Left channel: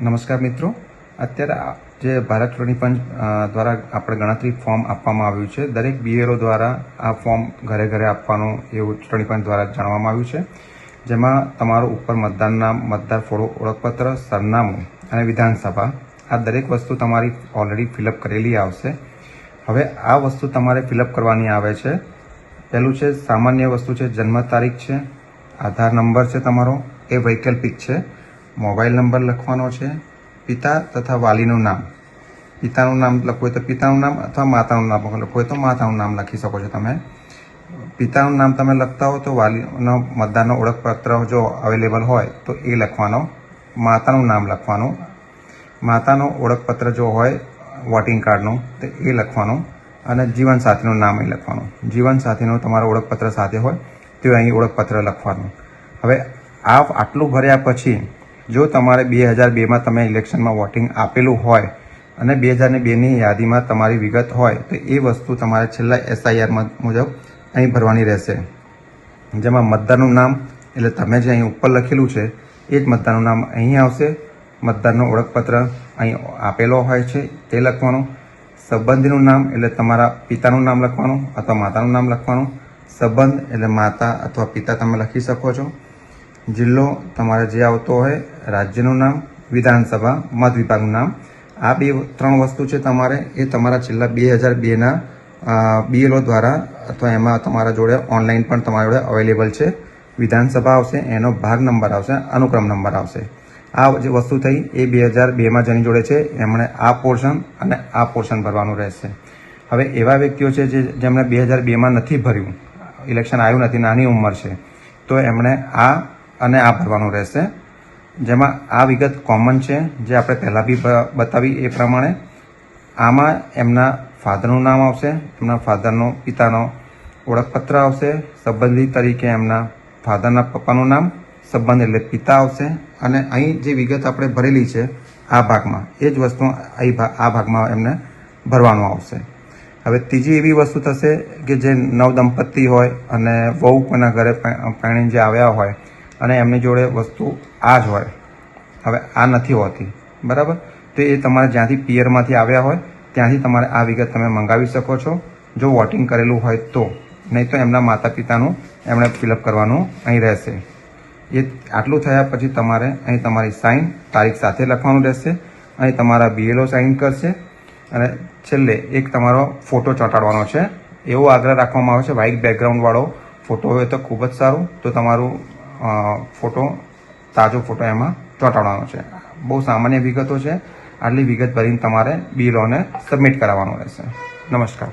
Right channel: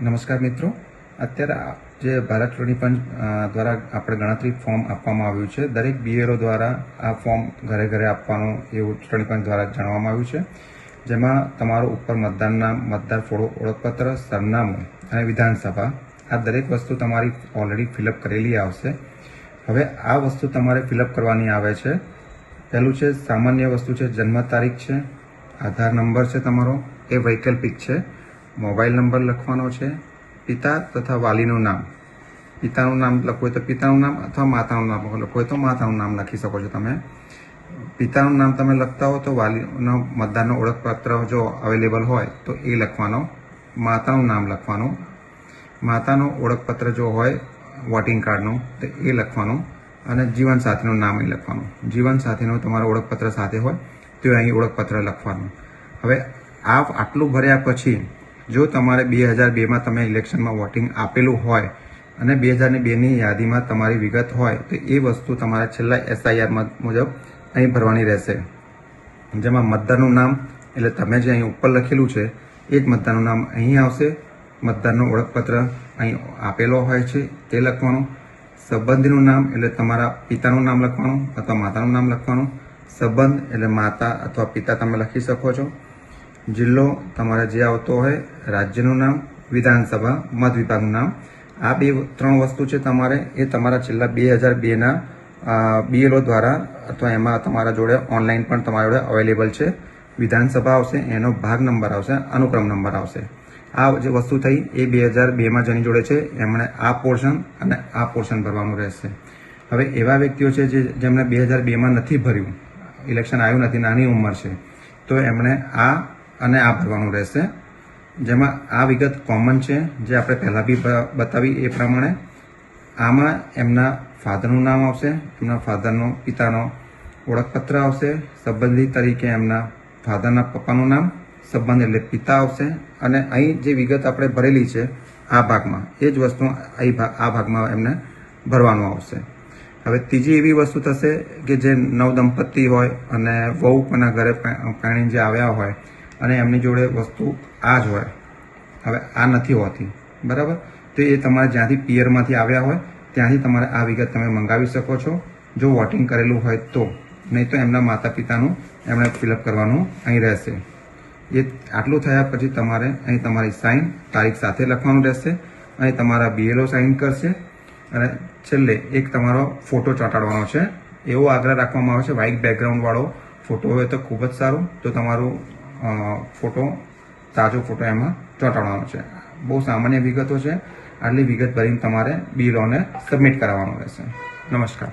નમસ્કાર મિત્રો. અત્યારે જે ભારત ચૂંટણી પંચ દ્વારા આપણે ગણતરી ફોર્મ આપવામાં આવ્યું છે, દરેક બીએરઓ દ્વારા આ ફોર્મ ઘરે ઘરે આપવાનું એવું ચૂંટણી પંચ દ્વારા જણાવવામાં આવ્યું છે. જેમાં તમારો ઉપર મતદાન નામ મતદાર ફોટો ઓળખપત્ર, સરનામું અને વિધાનસભા આ દરેક વસ્તુ તમારી ઓલરેડી ફિલઅપ કરેલી આવશે. હવે આ વસ્તુ તમારે ફિલઅપ કરવાની આવે છે. પહેલું છે સામાન્ય વસ્તુ છે જન્મ તારીખ છે, આધાર નંબર છે તમારો, એ વૈકલ્પિક છે. મોબાઈલ નંબર લખવાનો છે. પિતા તથા વાલીનું નામ. પિતાનું નામ લખવું હોય તો પિતાનું નામ અથવા માતાનું નામ લખવું તો માતાનું નામ લખી શકો છો તમે. પિતાનું નામ તમે લખતા હો તો વાલીનો મતદારનો ઓળખપત્ર જો અવેલેબલ હોય તો એ લખવાનો. માતાનું નામ લખવાનું. માતાનું ઓળખપત્ર જો હોય વોટિંગ કાર્ડનું તો એ લખવાનું. અને જીવનસાથીનું નામ એ લખવાનું. જીવનસાથીનું તમારું ઓળખપત્ર સાથે હોય તો અહીં ઓળખપત્ર લખવાનું. હવે આ આટલું ભર્યા પછી જો તમારે બે હજાર બેમાં તમે ઇલેક્શનમાં વોટિંગ આપેલું હોય અને બે હજાર ને બેની યાદીમાં તમારી વિગત હોય, તો એ વસ્તુ તમારે છેલ્લા એસઆઈઆર મુજબ અહીં ભરવાની રહેશે. જેમાં મતદારનું નામ, એટલે તમે જે અહીં ઉપર લખેલું છે, એ જ મતદારનું નામ અહીં આવશે. મતદારનો ઓળખપત્ર અહીં આપેલો હોય છે, તે લખવાનું. સંબંધીનું નામ, એટલે તમારા પિતાનું નામ લખવાનું, અથવા માતાનું નામ લખવાનું. સંબંધ, એટલે માતા અથવા પિતા તમે લખી શકો છો. જિલ્લો તમારે જે આવતો હોય, રાજ્યનું નામ, વિધાનસભા, મત વિભાગનું નામ, આ બે ત્રણ વસ્તુ છે તમારે, એ તમારા છેલ્લા બે હજાર બેના બીએલઓ દ્વારા અથવા એમાં તમારા જોડે ઓનલાઈન પણ તમારા જોડે અવેલેબલ છે. વિધાનસભા આવશે, એનો ભાગ નંબર આવશે, અનુક્રમ નંબર આવશે. આ જે વસ્તુ થઈ, એ બે હજાર બેમાં જેની જોડે છે, એમણે આ પોર્શન અને આ પોર્શન ભરવાનું રહેશે. હવે એવા વ્યક્તિઓ છે જે, જેમણે બે હજાર બેમાં નથી ભર્યું ઇલેક્શન આવ્યું નથી, નાની ઉંમર છે, તો એમણે આ અને આ ભરવાનું રહેશે. જેમાં આ વિગત કોમન છે, જે આપણે પહેલાં બી બતાવી એ પ્રમાણે. આમાં એમના ફાધરનું નામ આવશે, એમના ફાધરનો પિતાનો ઓળખપત્ર આવશે, સંબંધી તરીકે એમના ફાધરના પપ્પાનું નામ, સંબંધ એટલે પિતા આવશે. અને અહીં જે વિગત આપણે ભરેલી છે, આ ભાગમાં, એ જ વસ્તુ અહીં આ ભાગમાં એમને ભરવાનું આવશે. હવે ત્રીજી એવી વસ્તુ થશે કે જે નવ દંપતી હોય અને વહુ કોઈના ઘરે પાણી જે આવ્યા હોય અને એમની જોડે વસ્તુ આ જ હોય. હવે આ નથી હોતી. બરાબર? તો એ તમારે જ્યાંથી પિયરમાંથી આવ્યા હોય, ત્યાંથી તમારે આ વિગત તમે મંગાવી શકો છો. જો વોટિંગ કરેલું હોય તો. નહીં તો એમના માતા પિતાનું એમણે ફિલઅપ કરવાનું અહીં રહેશે. એ આટલું થયા પછી તમારે અહીં તમારી સાઇન તારીખ સાથે લખવાનું રહેશે. અહીં તમારા બીએલઓ સાઇન કરશે. અને છેલ્લે એક તમારો ફોટો ચોંટાડવાનો છે. એવો આગ્રહ રાખવામાં આવે છે. વ્હાઇટ બેકગ્રાઉન્ડવાળો ફોટો હોય તો ખૂબ જ સારું. તો તમારું ફોટો, તાજો ફોટો એમાં ચોંટાડવાનો છે. બહુ સામાન્ય વિગતો છે. આટલી વિગત ભરીને તમારે બિલોને સબમિટ કરાવવાનો રહેશે. નમસ્કાર.